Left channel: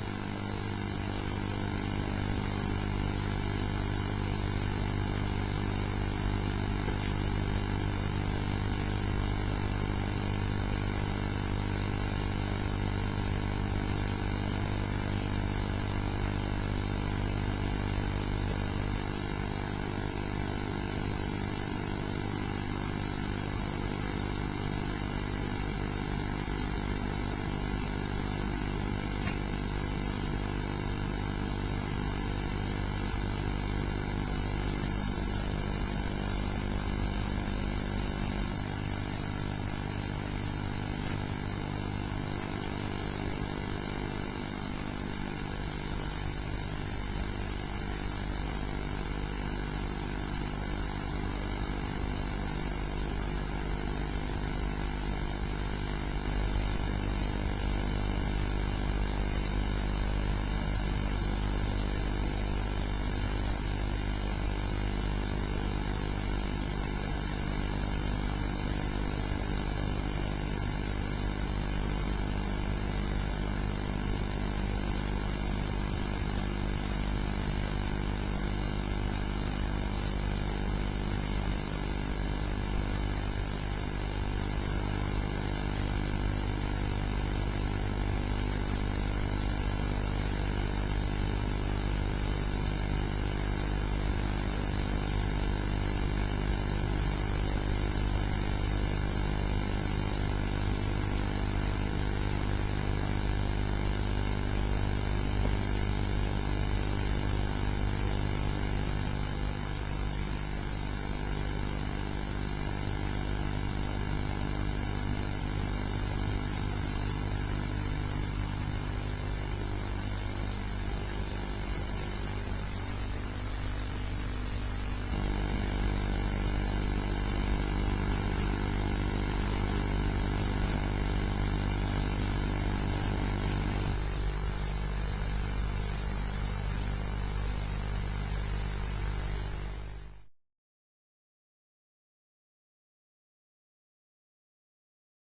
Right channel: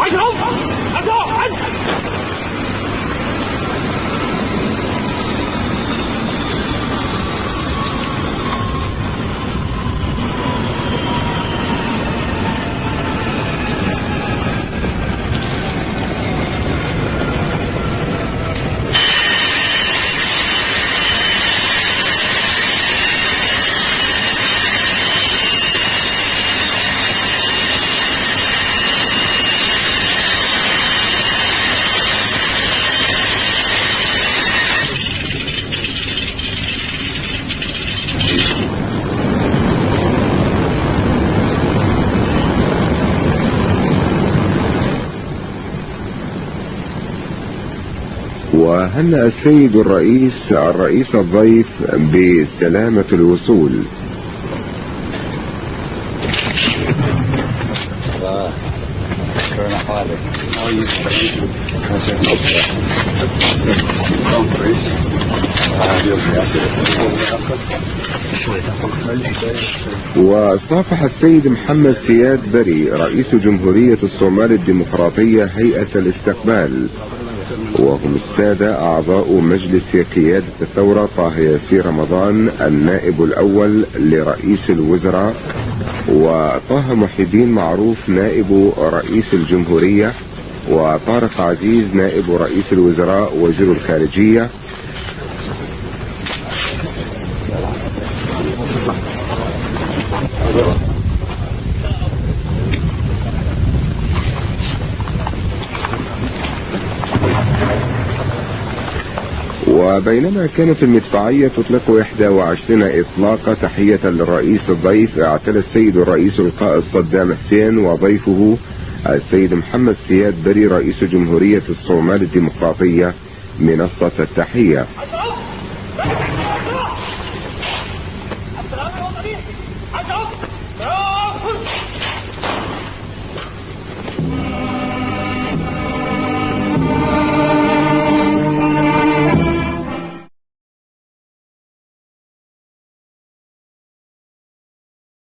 排成，打坐，安。وهنأ السيد الرئيس الضيف بسلامة الوصول. وصافح السيد محمد سياد بري رئيس جمهورية الصومال الديمقراطية هيئة الاستقبال، وهم السادة أعضاء مجلس قيادة الثورة طه ياسين رمضان النائب الأول لرئيس الوزراء، وطه محي الدين معروف نائب رئيس الجمهورية، وطارق عزيز نائب رئيس الوزراء وزير الخارجية، وبينما كانت المدفعية تطلق 21 إطلاق تحية للرئيس الضيف، اعتلى السيد الرئيس لقاء الصدام حسين وضيفه السيد محمد سياد بري رئيس جمهورية الصومال الديمقراطية منصة التحية.